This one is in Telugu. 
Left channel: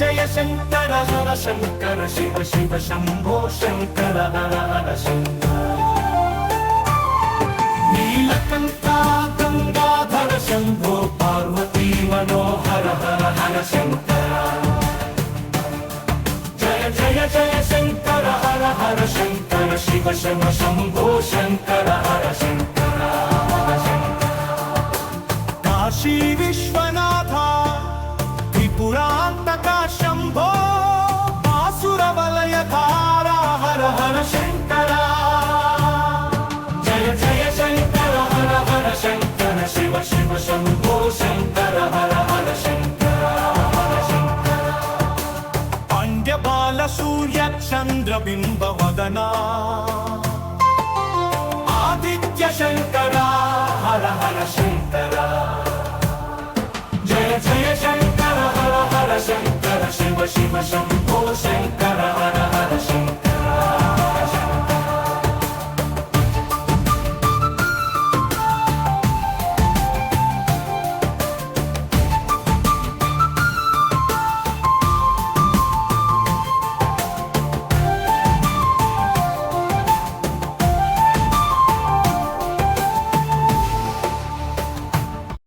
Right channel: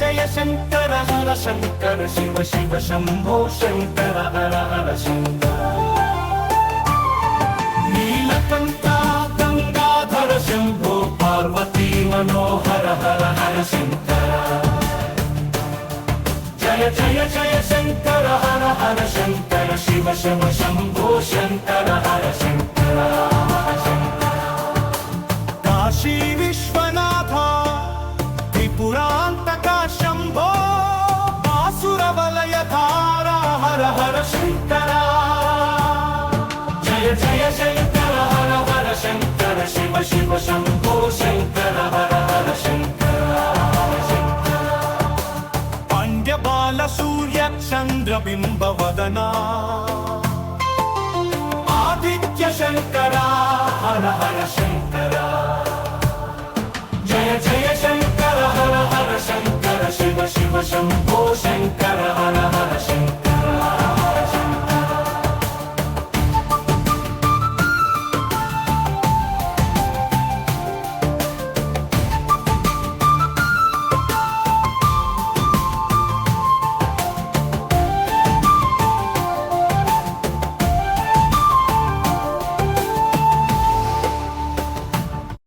జయ శంకర హర శంకర శివ శివ శంభో శంకర హర హర శంకర నీలకంఠ గంగాధర శంభో పార్వతీ మనోహర హర హర శంకర జయ జయ జయ శంకర హర హర శంకర శివ శివ శంభో శంకర హర శంకర కాశీ విశ్వనాథ త్రిపురాంతక శంభో ఆసుర వలయధార హర హర శంకర జయ జయ శంకర హర హర శంకర శివ శివ శంభో శంకర హర హర శంకర పాండ్యబాల సూర్య చంద్ర బింబ వదనా ఆదిత్య శంకర హర హర శంకర జయ జయ శంకర హర హర శంకర శివ శివ శంభో